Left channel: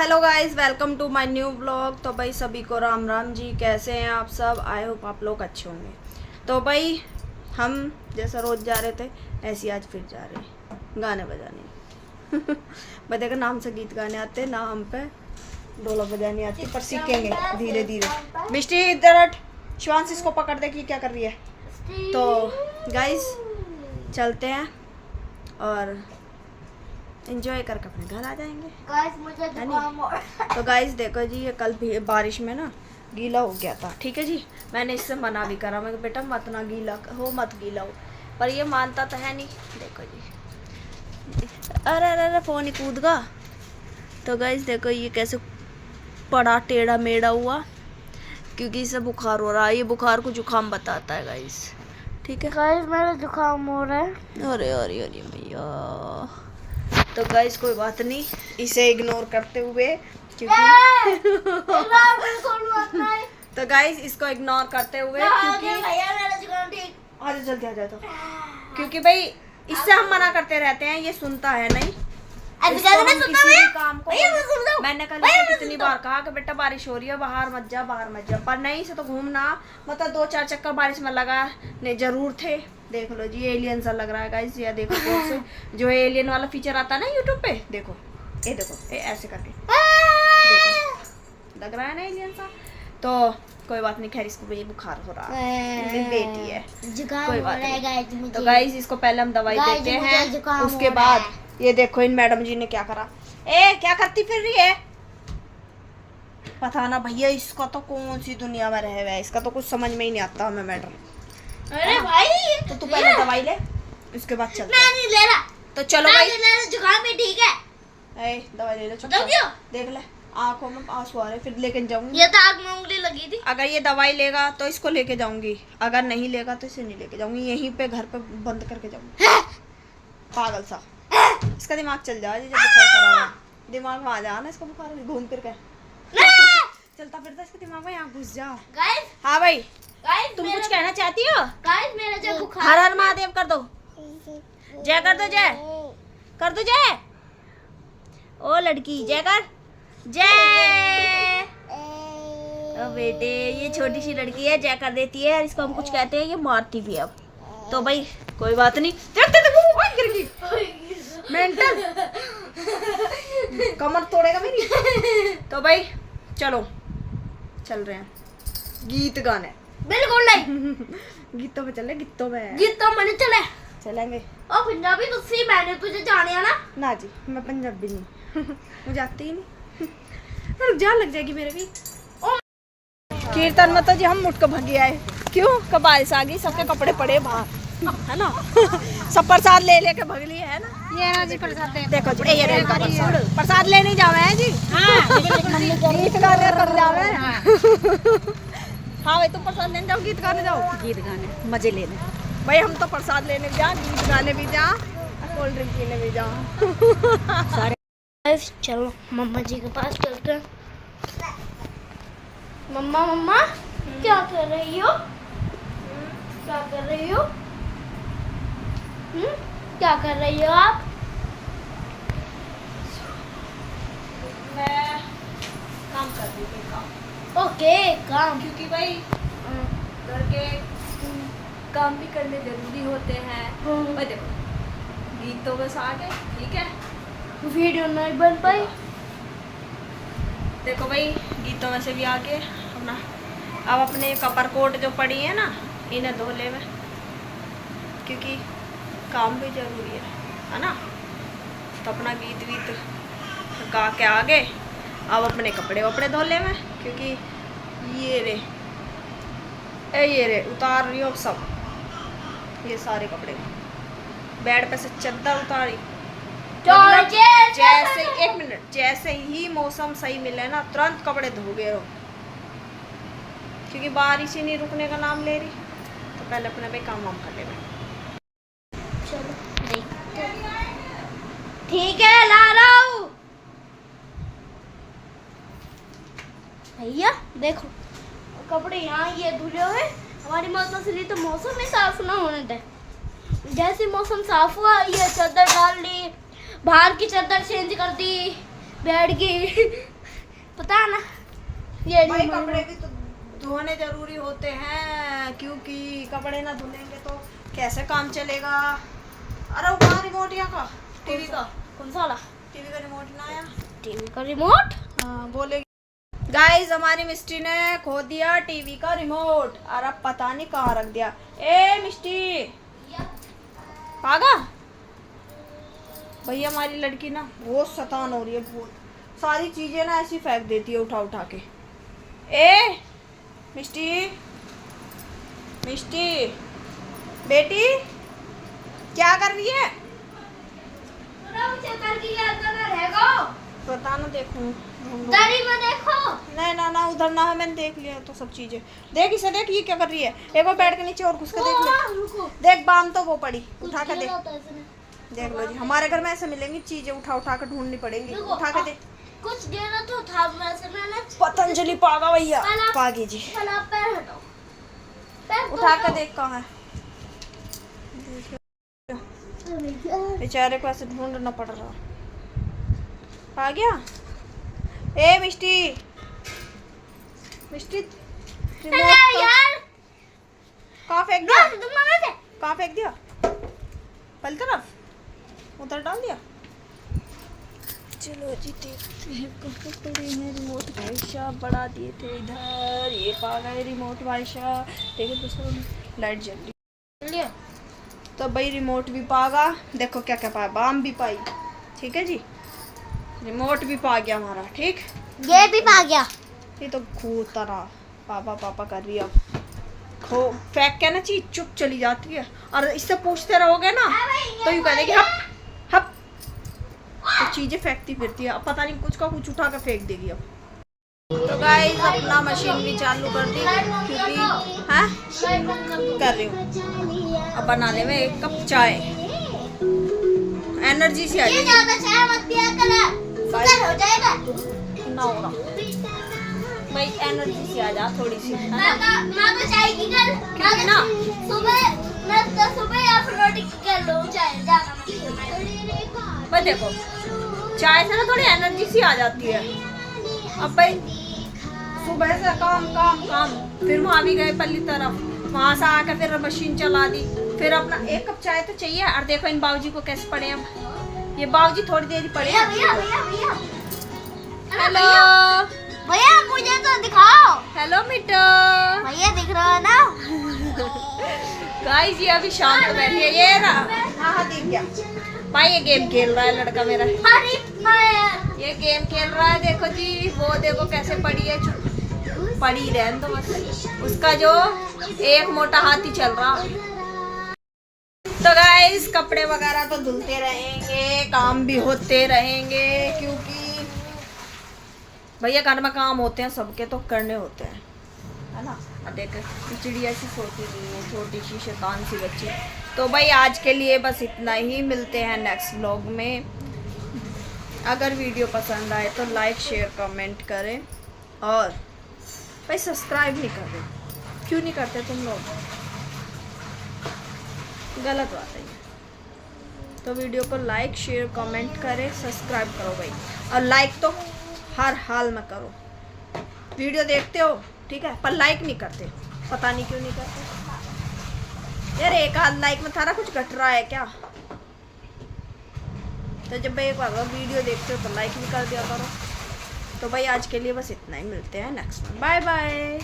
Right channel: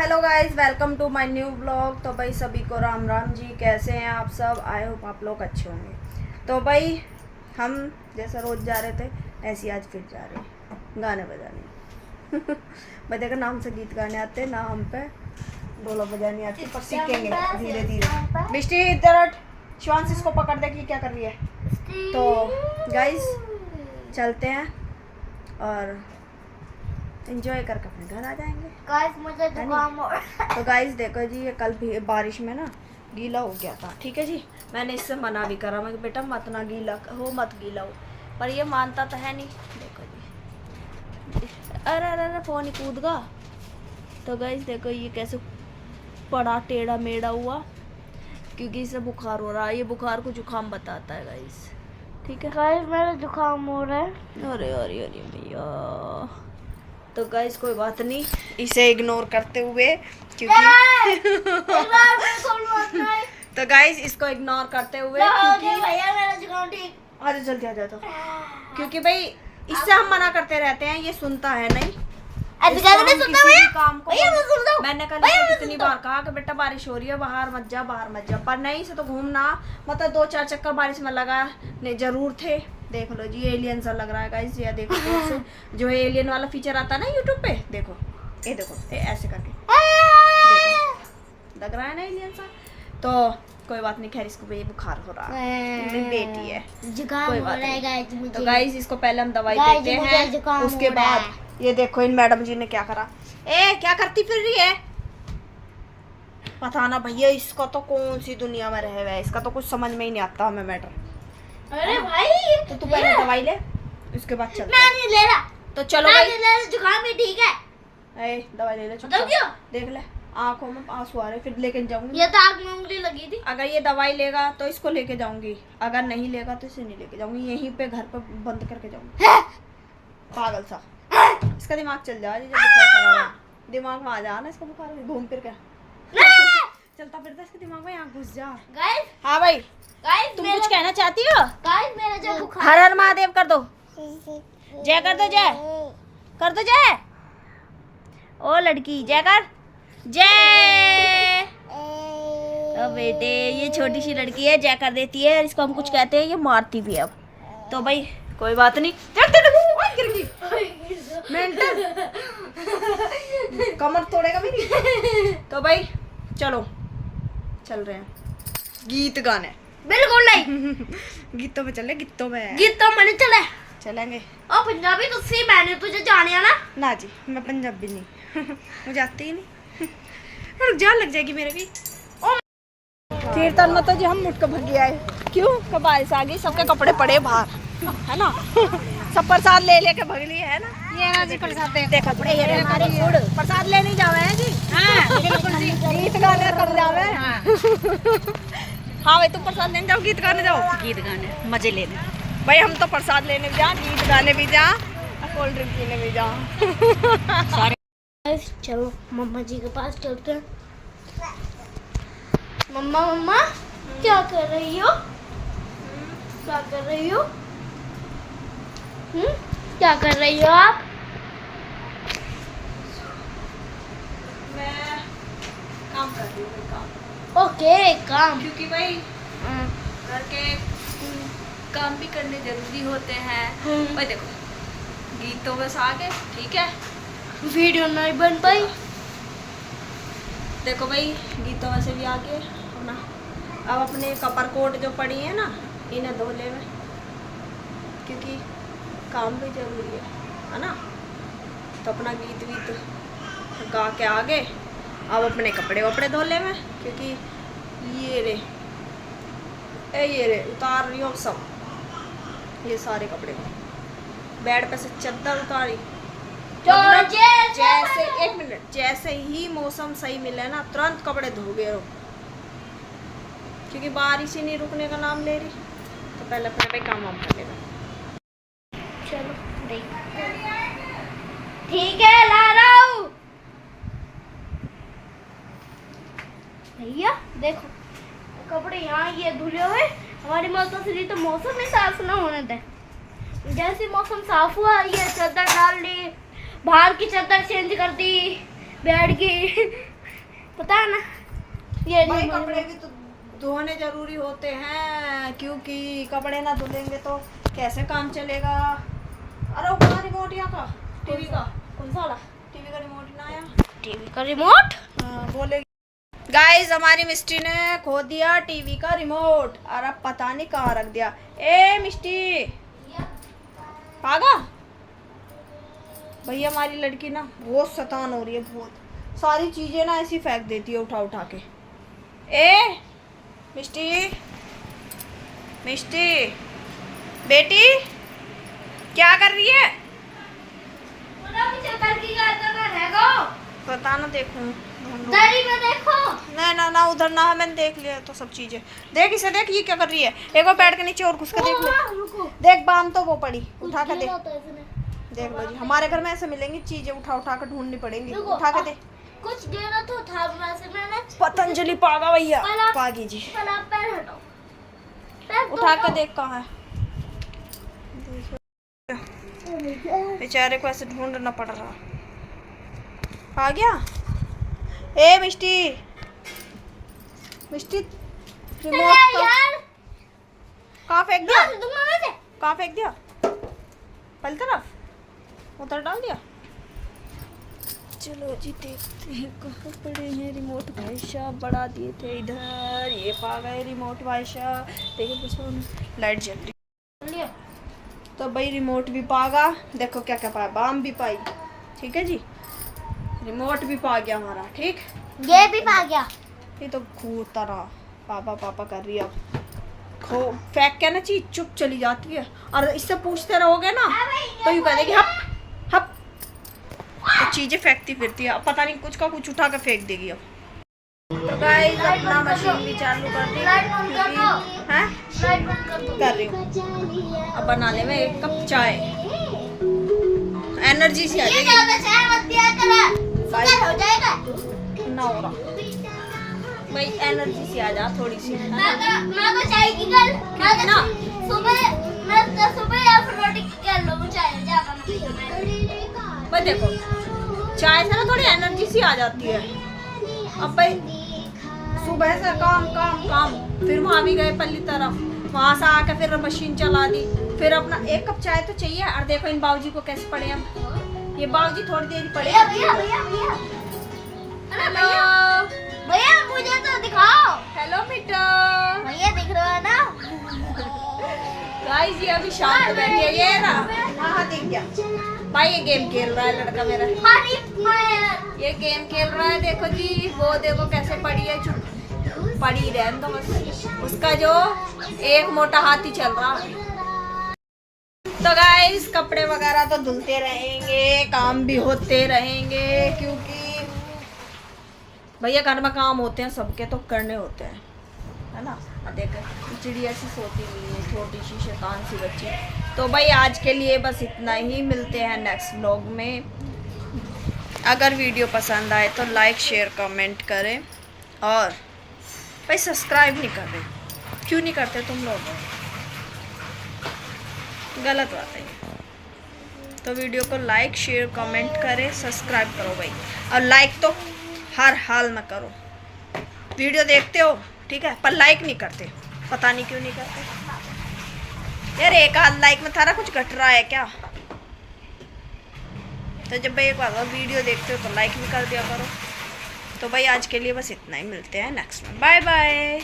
Hello guys, welcome to my new blog. तो भाई सभी को राम राम जी। कैसे हैं आप सब? आई होप आप लोग अच्छे होंगे। तो भाई हम जैसा रोज़ जा रहे थे ऐसे ही आज फिर जा रहे हैं गाने बजाने। भाई देखो, नाम से गीत गाने आते ना, हम पे ढोलक बजानी आती, पर सीखेंगे धीरे धीरे। मिष्टी इधर हट, शिवांश इसको पकड़ दे कि क्या कर रही है। तो गाइस चलते हैं और एंजॉय करके अपने घर आ जाएंगे। गाइस मुझे जुकाम हो रहा है। तो गाइस देखो जी, ये कल भी बारिश में ना गीला हो गया था, ठीक है जी। मैंने इससे मना भी करा, मैं बेटा मत ना गीला हो, मत गीला हो, पर ये मानता तो है नहीं। देखो जी, अरे अरे अरे फोन ही कूद गया। तो गाइस देखो ये कैसे पड़ा टेढ़ा मेढ़ा हुआ, क्योंकि इसे बुखार हो रहा है। ये बुखार को जुकाम बताता है गाइस, ठीक है। गाइस मेरा जुकाम हो रहा है। अरे अरे अरे भैया, तो गाइस कोई बात नहीं, इसे इग्नोर करते हुए, क्योंकि तो गाइस इसको इग्नोर करते हुए, क्योंकि भैया मेरा जुकाम ठीक। आ जाओ जल्दी आ जाओ। तो क्योंकि भाई इससे हम मना करते रहते हैं, ये सुनता है नहीं। इसको हम किसी भी काम को मैंने कल कितनी बार कहा कि बेटा बारिश हो रही है, बाहर मत जा, बाहर मत जा, पर नहीं से तो घूमना। मतलब 2-4 चक्कर बारिश में लगा नहीं जरूर थे। देख लो जी, एलियन सा लग रहा है गाइस। ये देखो कैसे जो एलियन वाला फीचर आता है ना यूट्यूब पे, देखो ये देखो ये ऐसे करके देखो, लग रहा है ना एलियन सा। तो कोई बात नहीं, खैर इसको भी बुखार हो रहा है, मेरी बेटी है, जुकाम कोई हो बात रहा है नहीं। गाइस मुझे। तो गाइस इसको पहले हम दवाई गाइस, देते मुझे हैं, जुकाम उसके हो रहा बाद ये देखो इन मैडम जी ने क्या करा। ए क्या करती फिर रही है, पता ना भैया इसका तो कौन सी दुनिया में रह रहा है, इसका तो कुछ समझ में ही नहीं आता हमें मैटर। अरे भाई तो तू पहले दवाई ले, उसके बाद चलते मैं हैं। नहीं ले रहा, तो चलो मैं भाई, नहीं ले रहा, जुकाम भी ठीक है। ए दवाई ले ले, चुप बता दियो। देख ले आंखों में आंसू आ रहे, फिर लेके जाऊंगी। ये तो आग में उंगली लगी थी। अगर ये दवाई लेगा तो इसको लेके जाऊंगी, अगर नहीं लेगा तो इसे नहीं लेके जाऊंगी, यहीं पे घर पे बंद करके जाऊंगी। पागल सा, इसका दिमाग चल जाए, बुखार करा हुआ दिमाग में आ जाना इसको, बुखार घूम फिर के चलता फिरता इसके दिमाग में यहाँ घुस जा। गाइस हाँ भाई, गाइस तुम कुछ कहना चाहती हो? गाइस मेरा जो बुखार हर हर महादेव कर दो, जय कर दो, जय कर दो, जय। ओ लड़की जय कर, जय। ओ बेटे, ये छोटी सी लड़की है, जय कर देती है, इसको हम कुछ कहते हैं ये मारती भी है। अब तो भाई कोई बात नहीं, मेंटल कमर तोड़ेगा मेरी। तो भाई चलो चल रहे हैं गीत गाने। बिल्कुल नहीं। गीतों में चले, गीतों में गीत तो मैंने चला चलेंगे। ओ पंजाबी तुसी मैंने तुझे जाने आना ना जी, मैं पंजाबी नहीं मुझे आती ही नहीं। रुक जा, लग जाएगी मेरे भी। कीर्तन में तो जी हम मुट के भगी आए, क्यों कबाल से आ गई, सबके कपड़े पड़े बाहर है ना। सब प्रसाद ले लेके भग लिए है ना। ये ना जी प्रसाद देखो, ये प्रसाद लेने जावे हैं जी। हाँ बिल्कुल जी, गीत गाने तब जावे। हाँ भाई तुम प्रसाद लेने जाओ, गीत गाने जाओ, गीत गाने मजे लेने। भाई हम तो प्रसाद लेने भी जा, गीत गाने भी जा, कोल्ड ड्रिंक पीने भी जा। चलो मम्मा जी के पास चलते हैं। मम्मा मम्मा क्या कर रही हो? क्या कर रही हो? क्या कर रही हो आप? मैं काम कर रही हूँ, काम। ओके काम, क्योंकि भाई घर के काम भी करने जरूरी होते हैं। भाई देखो गीतों बस आ गए, ठीक है, वीडियो नहीं बन पाई। देखो भाई गीतों में से भी आगे अपना, अब अपने कपर कोट जो पड़ी है ना, इन्हें धो ले में, क्योंकि काम भी जरूरी है ना। तो अपना गीत वीत गा के आगे, अब अपने कपड़े वपड़े धो ले में, क्योंकि ये रे उतार रही हो सब, ये सारे कपड़े बेड पे से चद्दर उतारी। मतलब जैसे एक मिनट, जैसे ही मौसम सही मिले ना तुरंत कपड़े धो गए रहो, क्योंकि बारिश ही नहीं रुकने का नाम ले रही। तो पहले अपने भाई काम वाम कर ले। चलो ठीक है, ला रहा हूँ। भैया देखो कपड़े यहाँ ये धुले हुए, हमारी मौसम से तो मौसम ही साफ ना होने दे। जैसे मौसम साफ हुआ, ये चादर डाल ली, बाहर की चादर चेंज कर दी, बेड की पता है ना, ये भाई रिमोट। कपड़े भी तो धोने जरूरी होते हैं, क्योंकि कपड़े ना धुलेंगे तो कैसे काम चलेगा। अरे वो रिमोट यहाँ का टीवी का, कौन सा वाला? टीवी का रिमोट ना आया। टीवी का रिमोट? हाँ बोले गाइस, हमारी मिस्टी ने खो दिया टीवी का रिमोट और अब पता नहीं कहाँ रख दिया। ए मिस्टी पागा भैया, हमारी लड़की ना बहुत शैतान हो रही है, बहुत सारी चीजें ना ऐसी फेंक देती है उठा उठा के। ए मिस्टी, मिस्टी बेटी क्या कर रही है? पता ना, देखूं दरी में देखो। नहीं ना ना, उधर ना, मैंने देख लिया तो सब चीजें। देख इसे, देख ये क्या कर रही है। एक बार बैठ के नीचे और घुस के देख ले। रुको, देख बाम तो वो पड़ी, उठा के देख। होता है इसमें। देख लो जी, हमारे घर में ऐसे मिलेंगी चीजें, उठा उठा के ढूंढनी पड़ेंगी। रुको, उठा के दे। कुछ गिरा तो था वैसे मैंने। पतंजलि पागा भैया, पहला- पागी जी, पहले आप पैर हटाओ। पैर उठा तो के देख कहाँ है। बेचारे को ऐसे ढूंढना पड़ रहा। आ गया। ए मिस्टी, मिस्टी रिमोट यार कहाँ फेंक दिया? दूंगा मैं से। कहाँ फेंक दिया? पहली तरफ उधर डाल दिया। चलो जी देखते हैं कहाँ पड़े हैं रिमोट। भाई साहब बढ़ा दिए थे इधर, ये पा गए रिमोट भाई साहब। देखिए दोस्तों, लाइट जल रही। तो भाई रिमोट भी पागा, देखो क्या क्या पाया, बाम भी पाई। ठीक है जी, रिमोट भी पा गया हमारा। ठीक, ये भी पा गया। ये तो घूरता रहा, पापा पापा कर रही है। अब खो फेंक के ना चीज चुप चली जाती है, और इससे पूछते रहोगे ना तो यूँ कह देगी हप हप, तो चीजें फेंकती फिरती है। अब पता नहीं कुछ का कुछ उठा के फेंक देगी। अब तो गाइस अपना मशीन भी चालू कर दी, क्योंकि हैं कर रही हूँ। अब बनाने में 1 कप चाय, एनर्जी सी आ जाएगी। हो जाएगा। ना हो रहा भाई, एनर्जी सी आ जा थोड़ी सी, है ना? माँ को चाय की कल क्योंकि ना सुबह या फिर रोटी की कर लो चाय ज्यादा। भाई देखो, चाय से ना थोड़ी एनर्जी सी आ जाती है। अब भाई सुबह से काम काम काम, फिर वहाँ भी गए पल्ली तरफ, वहाँ से आकर फिर मशीन चला दी, फिर अपना 1 कप चाय तो चाहिए। और देखो इन बाबूजी को कैसे पड़े हैं, ये बाबूजी थोड़ी देर ही पड़े। भैया भैया भैया भैया हेलो भैया मुझे तो दिखाओ। हेलो मिट्टू, भैया दिख रहा है ना? गाइस ये अभी शांत हो बैठी है। ये ना हाँ दिख गया भाई, ये गेम खेल रहा है लड़का मेरा। अरे फायर। ये गेम खेल रहा है, देखो जी, वो देखो कैसे पड़ी है, चुप पड़ी रहने दो बस, उसका जो एक मोटा हाथी चल रहा है। तो गाइस कपड़े वगैरह तो धुलते रहेंगे, काम भी होते रहेंगे, क्योंकि भैया घर में काम होते हैं सबके, तो करने होते हैं, है ना? और देख चिड़िया सी सोती हुई है, छोटी सी शैतान सी बच्ची। तो भाई आज के लिए बस इतना ही, मिलते हैं नेक्स्ट व्लॉग में। अगर वीडियो पसंद आए तो लाइक शेयर कमेंट करें, और भाई सब्सक्राइब नहीं कर रहे, क्यों नहीं करते तुम लोग? गलत बात है। तो वीडियो को लाइक शेयर कमेंट करें, सब्सक्राइब करो भाई, और लाइक तो हर हाल में करो। वीडियो देखते हो ठीक है, पर लाइक नहीं करते, पता नहीं क्यों नहीं करते यार। 1 आध लाइक में थारा कुछ घट रहा है क्या? तो जब भाई एक बार वीडियो देखते हो तो लाइक भी कर दिया करो। तो भाई आज के लिए बस इतना ही, मिलते हैं नेक्स्ट में, बाय बाय।